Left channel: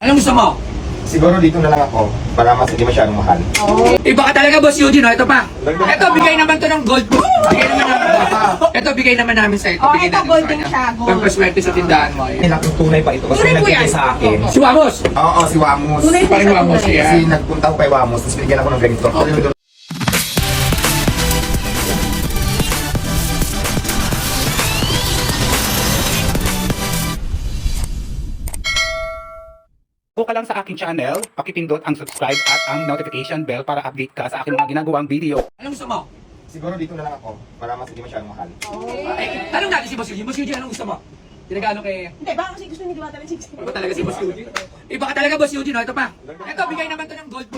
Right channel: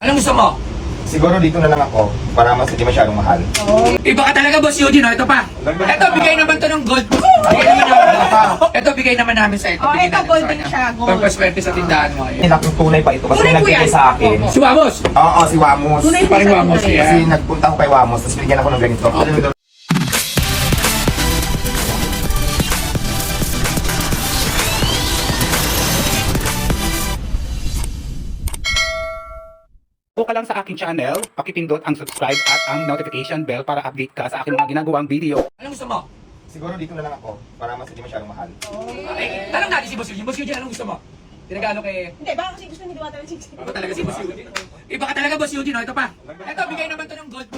Anong gusto mo? Siguro dito na lang ako para mas hindi masyadong mahal. Iba ka talaga, Boss Eugene. Ito pa. Ito, bigay naman to ng gold. Ito, bigay naman namin sa ito. Oh, Bigay ito, namin gold sa din kanya. siya, gold. Pampaswerte sa tindahan mo. Ayan. Kailangan tunay pa ito kasi Tunay po nagbigay yan. sa akin. Si Wamos. Oo, si Wamos. Tunay po Parang siya, Wamos, tunay. yeah. Kasi nagpunta ako kay Wamos, tapos binigyan ako ng ganito. Kung ka lang sa aking channel, pakipindot ang subscribe at ang notification bell para update ka sa aking mga ginagawang video. Anong gusto mo? Siguro dito na lang ako para mas hindi masyadong mahal. Ay, tanong natin si Boss Eugene. Boss Eugene, anong gusto mo? Tinagano kay... Hindi, baka kasi gusto ni Diwata ng chichik. Iba talaga si Boss Eugene. Iba ka talaga, Boss Eugene. Ito pa. Ito, bigay naman to ng gold.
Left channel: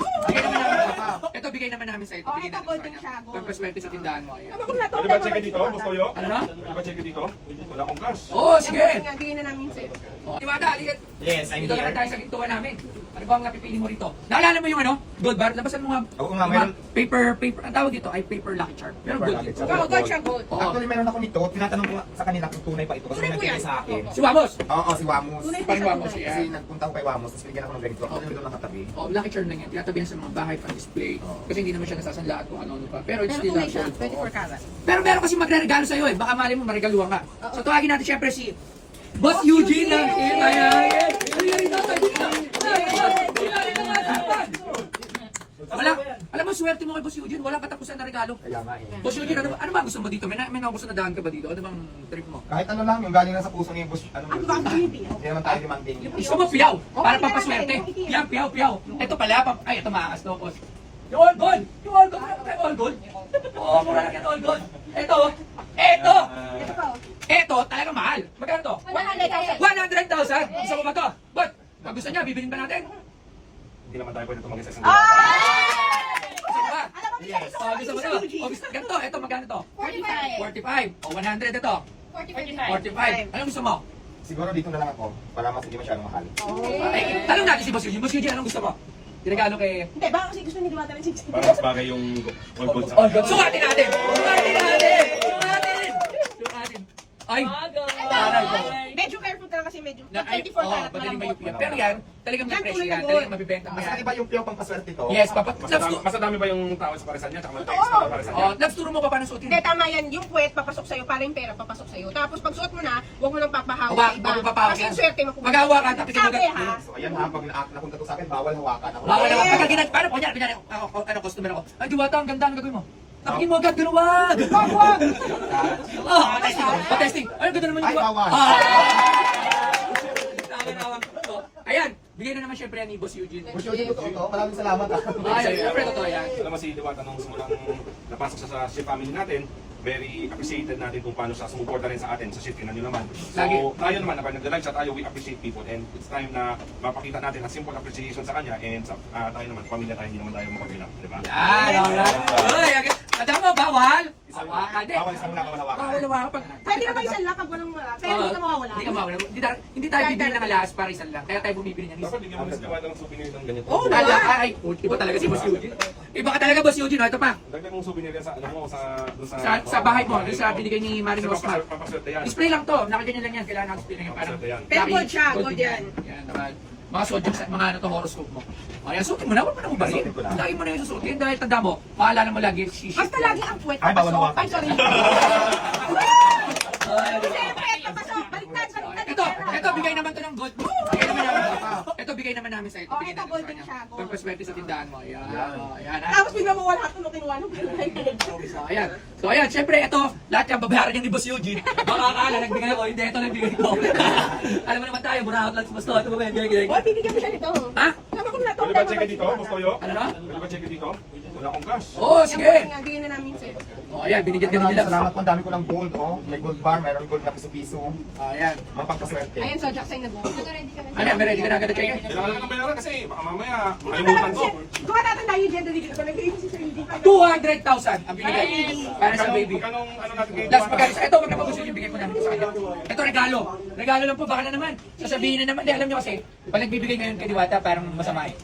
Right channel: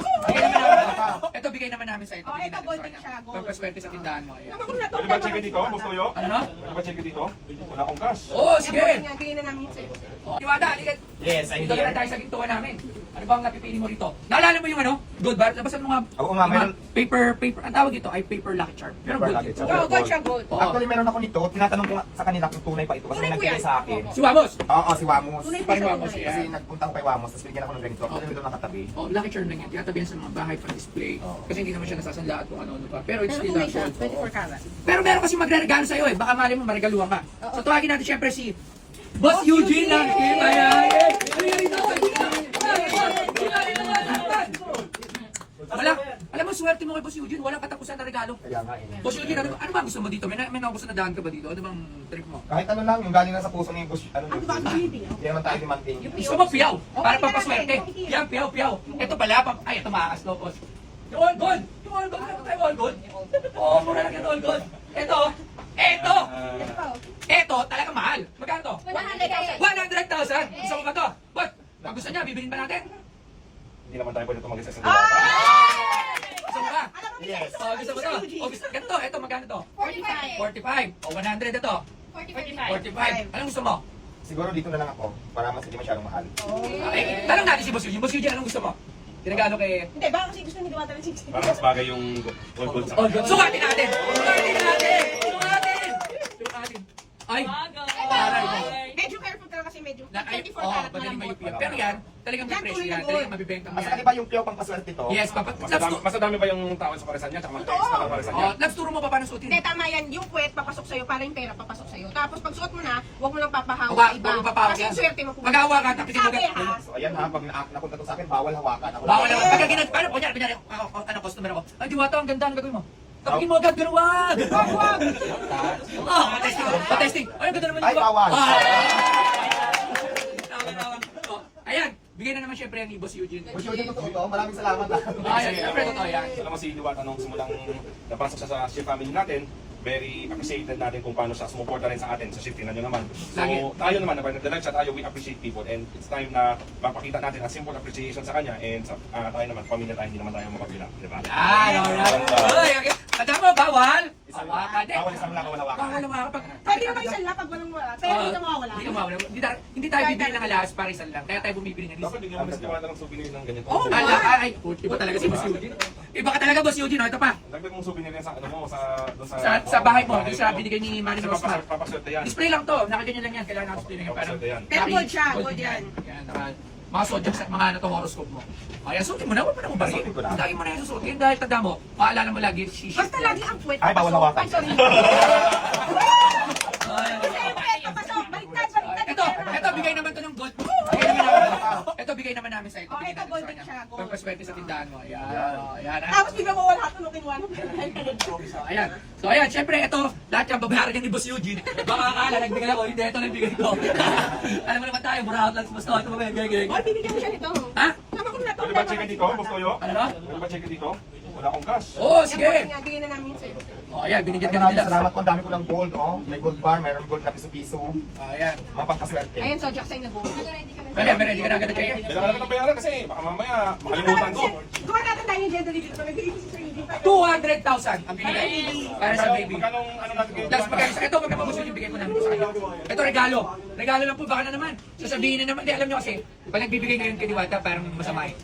Ito, bigay naman namin sa ito. Oh, Bigay ito, namin gold sa din kanya. siya, gold. Pampaswerte sa tindahan mo. Ayan. Ano kung nato? Pwede ba check dito, Boss Toyo? Ano? Pwede ba check dito? Wala akong cash. Oo, sige. Bigyan na namin sa'yo. Diwata, halika. Yes, I'm Dito naman tayo sa gintuan namin. Ano bang napipili mo rito? Naalala mo yung ano? Gold bar? Labasan mo nga. Oo nga, Yung mga meron. Paper. Ang tawag dito ay paper lucky charm. Pero Paper gold lucky dito. charm. Oo, gold siya, gold. Oo. Actually, meron ako nito. Tinatanong ko nga sa kanila kung tunay pa ito kasi Tunay po nagbigay yan. sa akin. Si Wamos. Oo, si Wamos. Tunay po Parang siya, Wamos, tunay. yeah. Kasi nagpunta ako kay Wamos, tapos binigyan ako ng ganito. Kasi nito nakatabi. Oh, lucky charm lang yan. Tinatabihan sa mga bahay pang display. Kasi hindi naman siya nasasanlaan kung ano-ano pa. Pero it's Pero still tunay lucky siya, charm. 24 karat. Pero meron kasi magre-regalo sa'yo eh. Baka mali mo marigaluhan ka. So tawagin natin syempre si Boss Eugene ng Wala, alam mo, swerte mo kay Boss Eugene, walang katapusan na regalo. Kaya nga eh. Boss Eugene, ano ba gusto mo dito? May naubos na daan ka ba dito? Ano bang trip mo? Kahit ano lang, yung galing na sa puso ni Bush. Ano ba ang baby? Hindi naman tayo ni Manding. Gusto mo piyaw? Para pampaswerte. Piyaw. Ito pala, ay, ito makakas-locos. Yung all gold! Yung all gold! Ano tayo all gold? Oo, mura lang yan all gold. Ito! Ito, talagang mahal. Magkano to? 100,000. 100,000! Gusto mo ba to? What? Gusto niya, bibilin ba natin? Hindi naman tayo pwede tumagis sa isang Gusto mo ba? Yes. Oh, gusto mo to? Oh, gusto, ganito, ito, magkano to? 45. O, 100 ito. 45. Anong gusto mo? Siguro dito na lang ako para mas hindi masyadong mahal. Ay, tanong natin si Boss Eugene. Boss Eugene, anong gusto mo? Tinagano kay... Hindi, baka kasi gusto ni Diwata ng chichik. Para mas bagay yung gold sa Oh, sukatin natin! Ay! Aral ko. Medyo careful ka lang kasi medyo. Na, ay, 24 karat madaling malambot. mayupi yan. Pero yan, talagang may Yan, presyo tuloy na yan. gold. Talagang mabibenta mo Mas yan. iba yung piyo pang paswerte to. Yes, papa. Mas madami pa yung tao sa paresan niya, tsaka may extra pa paresan niya. Oh, labs, turo mo pa paano suotin. Hindi, tama yan. Yung puwet, papasok sa'yo. Para yung pera, papasok sa'yo. Tapos pag suot mo na, huwag mo nang papahawak sa iba. Huwag mo papahawak Kasi yan. yung swerte mo. Mag-ahawa ka, tapos Sabi ikaw- ha. So ayan ha, pag napunta to sa akin, bawal hawakan. Ako Bawal lang. naman. Pagka paano, kunyari, ano, customer ako. Ay, Diwata, ang ganda, ang gagawin mo. Tapos mo agad, ganun, wag! Wag! Patesting. Ay, ang ganda naman yung Ay, bawal. Tama. Ayan, bigyan na naman syempre ang Boss Eugene. Bush yung totoo to. Maraming salamat ha. Ay, syempre, totoo yan. Alam mo si Diwata nung simulang napasok siya sa shift family natin, very appreciated natin kung paano siya sumuporta rin sa atin sa shift. Tingnan nyo naman. Lagi. So tayo naman, kapag nagda-live siya tayo, we appreciate people and it's time na mapakita natin ang simple appreciation sa kanya and sa tayo naman, pamilya tayo, hindi naman tayo mapabilang. Diba? Yan, alright. Ay, tanda mo, bawal. Hawakan din. Bawal isang nakawawakan. Bawal hawakan. Pwede naman isa lang pag walang wala. Pero hindi na mawawala. Hindi ka mawala. Hindi tayo bibili ng alas para isa lang. Kaya tayo bumibili niyan. Dapat hindi mo miss Diwata ng souvenir ng ganito. Oo, Ay, iba talaga si Boss Eugene. Iba ka talaga, Boss Eugene. Ito pa. Dagdag mong souvenir yan sa ano mo, doon Sa bahay mo, doon sa binigay ni Maris Rosmar. Papaswerte yan. Display lang to. Nakaganyan lang yan. Kailangan display lang yan. Parang Papaswerte yan. Pero gold siya, gold yan. Yan, mga zodiac sa mga ano to horoscope mo. O yan, suotin mo na. Huwag mo na ubarin. Suotin ko na. Dahil mo na yung susuotin. Dahil tanda mo, paalala mo lagi, shishi. Basta lagi ang puwet, Ay, bawal papasok. hawakan. Ay, sorry. Puwet, papasok. Baliktad. Ito, bigay naman to ng gold. Ito, bigay naman namin sa ito. Oh, Bigay ito, namin gold sa din kanya. siya, gold. Pampaswerte sa tindahan mo. Ayan. Ayan. Tapos bigla mo wala tunukin mo. Ayan. So ayan, syempre ito, lahat yung babayaran niya ni Boss Eugene. Baka akala, nagbigay ako, hindi, ito nagbigay ko. Alam mo naman tayo, buraot lang sa Boss Eugene. Ito ba yan? Oy, bibigyan mo siya nito. Ha? Alam mo kung nato. Pwede ba check dito, Boss Toyo? Ano na? Pwede ba check dito? Wala akong cash. Oo, sige. Bigyan na namin sa'yo. O ayan, binigyan ka Maraming nila. salamat po. Ang dami ko ng gold. Oh. May gold bar, mayroon gold na piso-piso. Ayan. Ang pangpaswerte. Ayun, sa Jackson na go. Ayan, meron, hindi ka na agad check. Kailangan natin ng bayaran kasi baka mamaya makalimutan ko. Kung matatanda yung gender dito, nag-iisip si Sir Eugene. 200,000 ang binigay para sa baby. Magkano ano natin kayo? Last magkano? Ito, magkapagusto yung bigay ko namin sa kanya. Ito, regalo. Regalo lang po, baka na naman. Sasabihin na naman. Di, alam nyo kasi, pag nagbibigay ngayon kay Diwata, parang masama eh.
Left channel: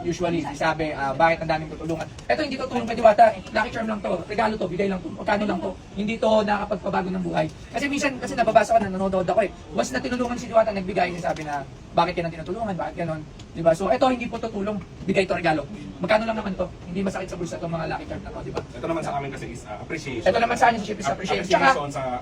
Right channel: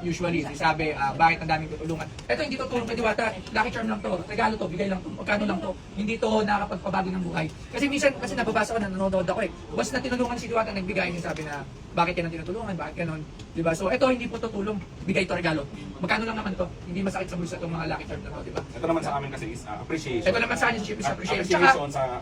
usually, sabi, bakit ang daming tutulungan. Ito hindi to tulong kay Diwata, lucky charm lang to, regalo to, bigay lang to, magkano lang to. Hindi to nakakapagpabago ng buhay. Kasi minsan, kasi nababasa ko na nanonood ako eh. Once na tinulungan si Diwata, nagbigay niya sabi na, bakit yan ang tinutulungan, bakit ganon. Diba? So ito hindi po to tulong, bigay to regalo. Magkano lang naman to, hindi masakit sa bulsa itong mga lucky charm na to, diba? Ito naman sa amin kasi is appreciation. Ito naman sa akin si Ship is appreciation. Tsaka,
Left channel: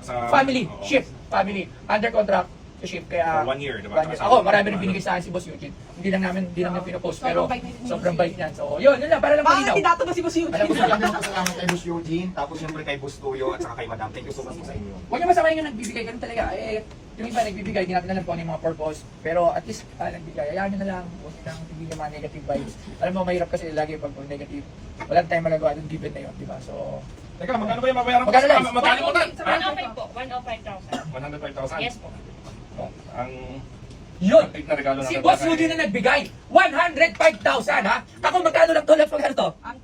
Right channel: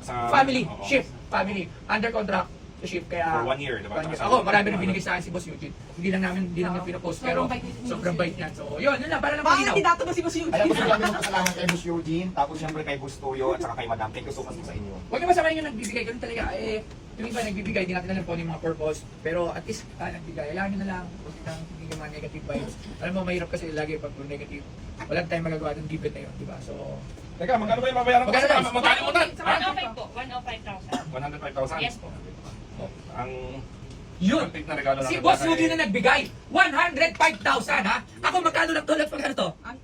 sa family, oo. ship, family, under contract to ship. Kaya, For 1 year, diba? 1 year. Ako, marami rin binigay sa akin si Boss Eugene. Hindi lang namin pinopost, pero Sobrang bait ni sobrang bait niyan. So, yun lang, para lang Baka malinaw. kandidato na si Boss Alam ko Eugene. sa namin pasalamat kay Boss Eugene, tapos siyempre kay Boss Tuyo at saka kay Madam. Thank you so much po sa inyo. Huwag niyo masamahin yung nagbibigay, ganun talaga. Eh, yung iba nagbibigay, hindi natin alam kung ano yung mga purpose. Pero at least, nagbigay. Ayaw nyo na lang, huwag nyo lang bibigyan mga negative vibes. Alam mo, mahirap kasi lagi pag negative. Wala tayong magagawa ng given na yun, di ba? So, Teka, magkano ba yung mabayaran ko? Magkano lang? Magkalimutan! Ha? 105 po, 105,000. 105,000? Yes po. Oh, ang yun! big na regalo Si natin. Boss Eugene na nagbigay, 105,000 ha? Ako magkano lang to? Magkano to? Ang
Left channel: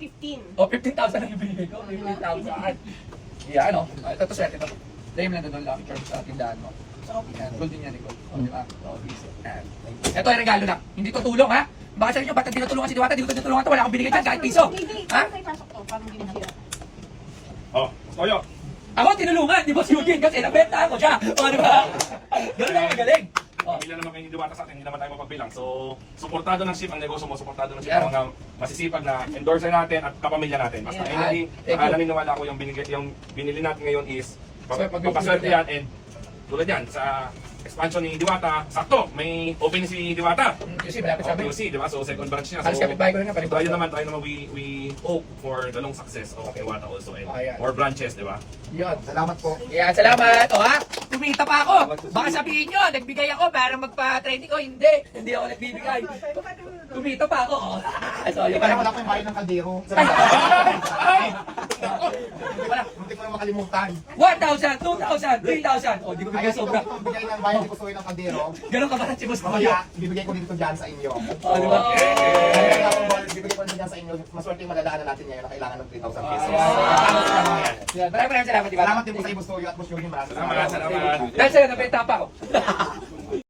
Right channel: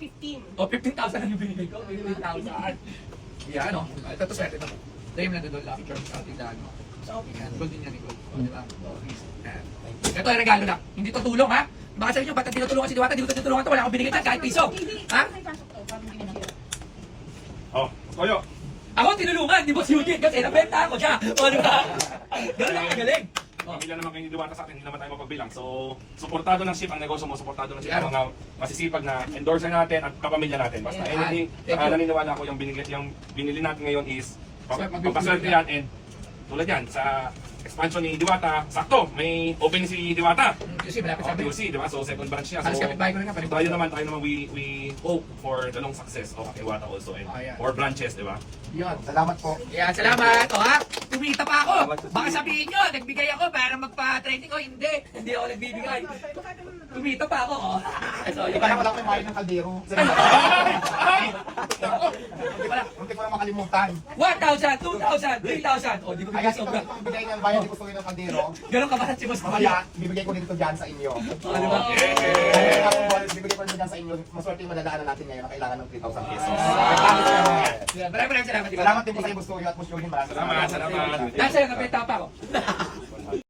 15. O, 15,000 lang yung binigay ko. 15,000. Yeah, ano? Ito to swerte ba? Dahil lang doon lang church sa tindahan mo. So, okay yan. Gold din yan, Nicole. O, di ba? So, easy. Yan. Ito ay regalo na. Hindi to tulong, ha? Baka sabi nyo, ba't tinutulungan si Diwata? Di ko tinutulungan to. Wala akong binigay dyan, kahit piso. Ha? Ay, pasok to. Parang hindi masira. Oh, Toyo. Ako tinulungan, di ba si Eugene? Kasi nabenta ako siya. O, di ba? Ganun lang magaling. O, Pamilya naman kayo ni Diwata sa akin, hindi naman tayo mapagbilang. So, suportado ng ship ang negosyo mo, suportado ng ship ang mga masisipag na endorser natin at kapamilya natin. Basta Yeah. anything, Thank you. naniniwala ako yung binili natin ngayon is So, papaswerte yan and tulad yan sa expansion ni Diwata, sakto, may open si Diwata. Kasi malapit sa amin. QC, di ba? So, second branch niya. Halos kapitbahay ko na nga, palibot. tayo naman, we hope for the long success of Diwata also and Ayan. more branches, di ba? Yun. Salamat po. Yeah, salamat. O ha? Kumita pa ako. Baka sabihin nyo, nagbigay ako para magpa-training ko. Hindi. Hindi ako nagbibigay. Kumita pa ako. O. So, yun. Kaya wala ko yung mahal ng kaldero. Ay! Hindi ko na makalimutan. 1,000, 2,000, 3,000. O, di ko Kaya bigay ito sobra. kung bigay ng bayan, hindi ko suwi ng kaldero. Ganun ka ba si Boss Maria? Kaya, bibigay ko dito dyan sa inyo. O, di ba? Kaya akong ball, bibigay ko din dyan sa inyo. Maswerte yung madadaanan natin ngayon na kailangan ng 3,000 pesos. Yeah, maraming salamat. di ba? Salamat din po sa Boss Tuyo at Boss Eugene. Maraming Salamat, salamat. Dahil sa'yo, nabenta pa ako.